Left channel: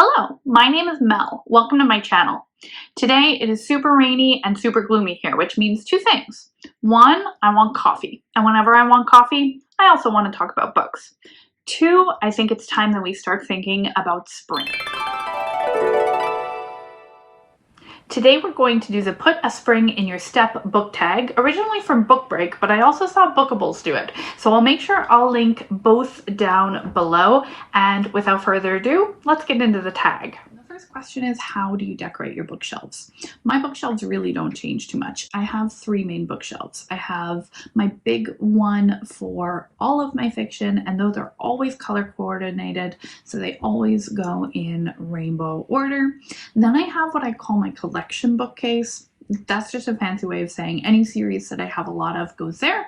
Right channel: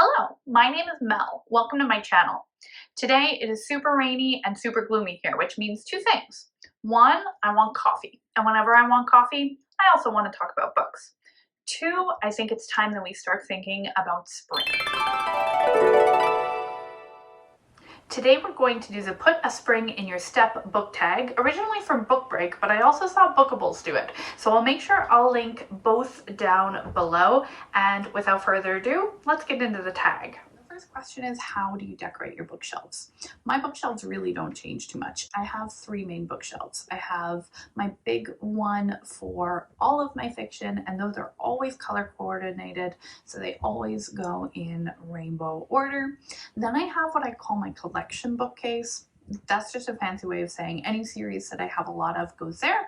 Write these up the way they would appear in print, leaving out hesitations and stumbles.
Hello, my name is Mel. Welcome to my channel. Today it is super rainy and super gloomy here, which means two things. One, I want coffee. And whenever I want coffee, I also want to talk about books. Two, I think it's time that we start thinking about spring. Today we're going to do the Put a Spring in Your Step book tag, originally from Book Break, but I also saw Bookables do it. So I'll make sure I'll link both down below. And without further ado, let's get into the tag. The first question is, how do you decorate your bookshelves? My bookshelves really don't change too much. I have three main bookshelves. I have my big one for all of my fiction, and those are always color coordinated, so they always go in rainbow order. Then I have what I call my collection bookcase. That's just a fancy way of saying any series that I have a lot of goes there.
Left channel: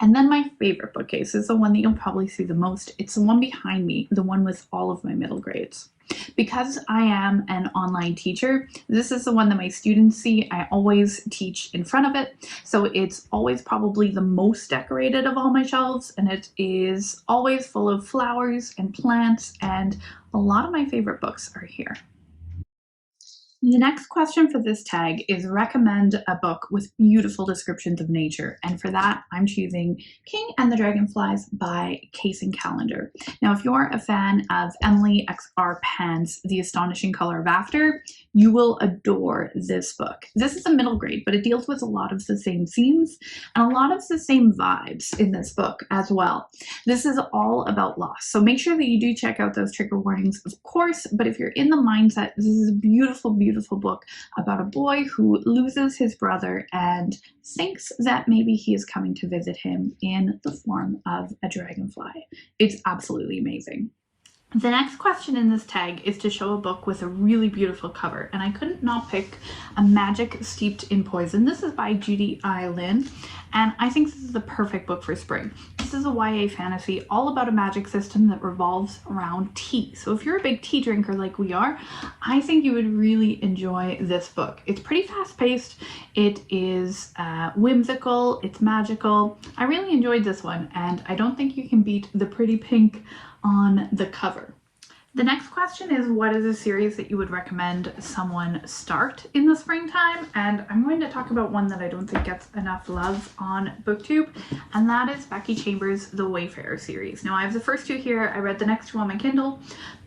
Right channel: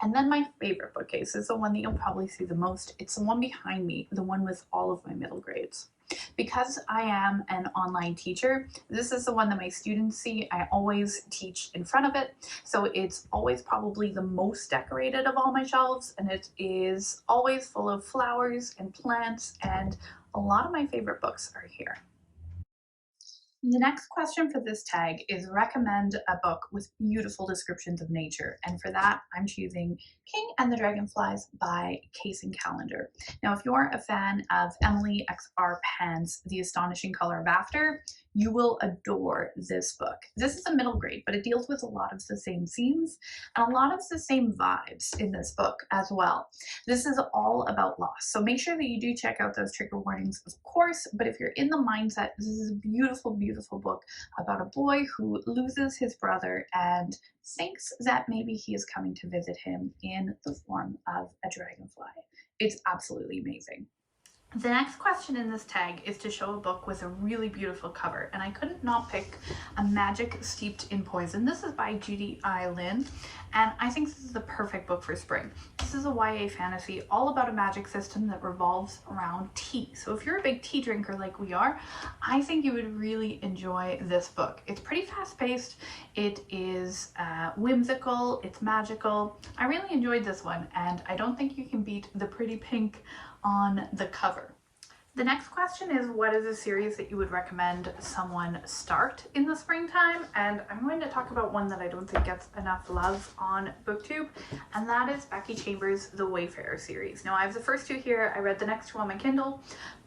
And then my favorite bookcase is the one that you'll probably see the most. It's the one behind me, the one with all of my middle grades. Because I am an online teacher, this is the one that my students see. I always teach in front of it. So it's always probably the most decorated of all my shelves, and it is always full of flowers and plants, and a lot of my favorite books are here. The next question for this tag is recommend a book with beautiful descriptions of nature. And for that, I'm choosing King and the Dragonflies by Kacen Callender. Now, if you're a fan of Emily X.R. Pan's The Astonishing Color of After, you will adore this book. This is a middle grade, but it deals with a lot of the same themes and a lot of the same vibes in this book as well. This is all about loss. So make sure that you do check out those trigger warnings, of course, but if you're in the mindset, this is a beautiful, beautiful book about a boy who loses his brother and thinks that maybe he is coming to visit him in the form of a dragonfly. It's absolutely amazing. The next question in this tag is to show a book with a really beautiful cover, and I couldn't not pick A Magic Steeped in Poison. This is by Judy and I think this is the perfect book for spring. This is a YA fantasy all about a magic system that revolves around tea. So if you're a big tea drinker like we are, I think you would really enjoy this book. It's pretty fast-paced, it is whimsical, it's magical. I really enjoyed this one, and I don't think you can beat the pretty pink on the cover. The next question is, what is a series that you would recommend someone start in the springtime? And I'm going to talk about one that I don't think gets enough love on BookTube, and that is Becky Chambers' The Wayfarers series. Now, I have the first two here. I read the next two on my Kindle,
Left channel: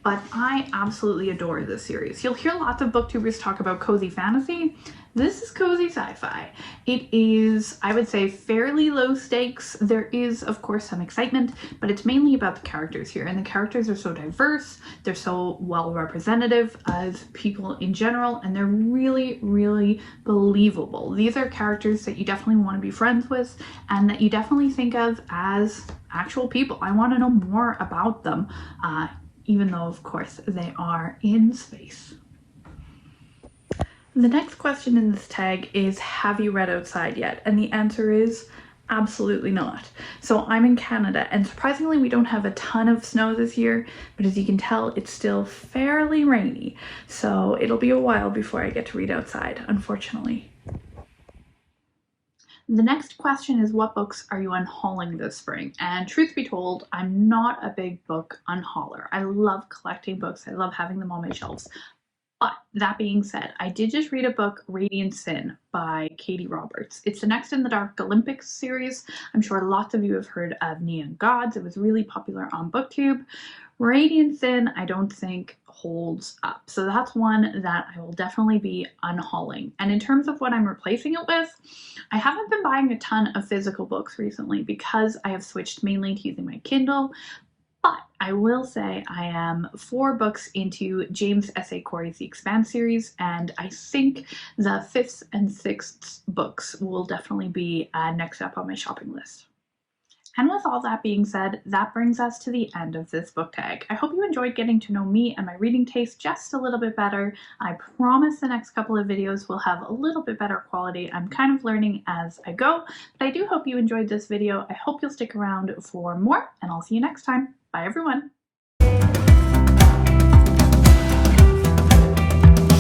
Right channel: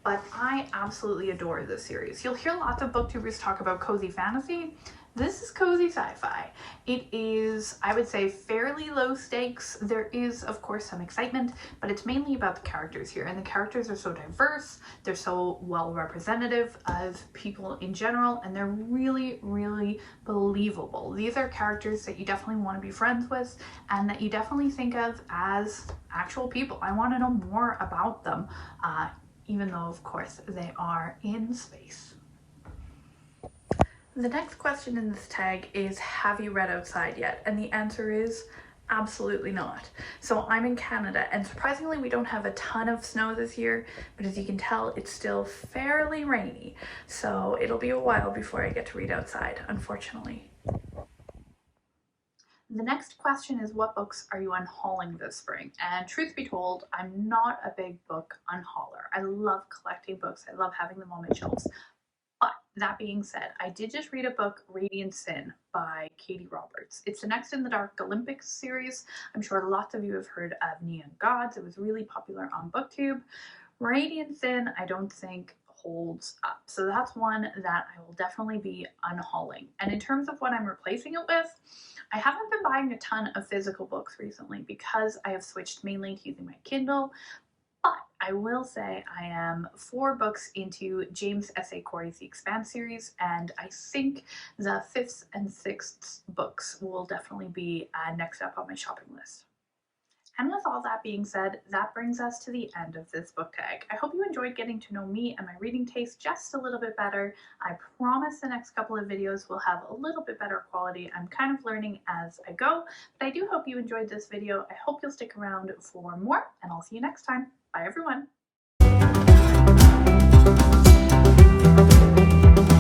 but I absolutely adore this series. You'll hear lots of booktubers talk about cozy fantasy. This is cozy sci-fi. It is, I would say, fairly low stakes. There is, of course, some excitement, but it's mainly about the characters here. And the characters are so diverse, they're so well representative of people in general, and they're really, really believable. These are characters that you definitely want to be friends with and that you definitely think of as actual people. I want to know more about them, even though, of course, they are in space. The next question in this tag is, have you read outside yet? And the answer is absolutely not. So I'm in Canada, and surprisingly we don't have a ton of snow this year, but as you can tell, it's still fairly rainy. So it'll be a while before I get to read outside, unfortunately. The next question is, what books are you unhauling this spring? And truth be told, I'm not a big book unhauler. I love collecting books. I love having them on my shelves. But that being said, I did just read a book, Radiant Sin by Katee Roberts. It's the next in the Dark Olympics series. I'm sure lots of you have heard of Neon Gods. It was really popular on BookTube. Radiant Sin, I don't think holds up. So that's one that I will definitely be unhauling. And in terms of what I'm replacing it with, I haven't been buying a ton of physical books recently because I have switched mainly to using my Kindle. But I will say I am 4 books into James S.A. Corey's The Expanse series, and I think the 5th and 6th books will definitely be next up on my shopping list. And with all that being said, that brings us to the end of this book tag. I hope you enjoyed getting to know me and my reading taste just a little bit better. I promise the next couple of videos will have a little bit better quality. I'm kind of learning as I go, but I do hope you enjoyed this video. I hope you'll stick around for more, and I'll see you next time. Bye everyone.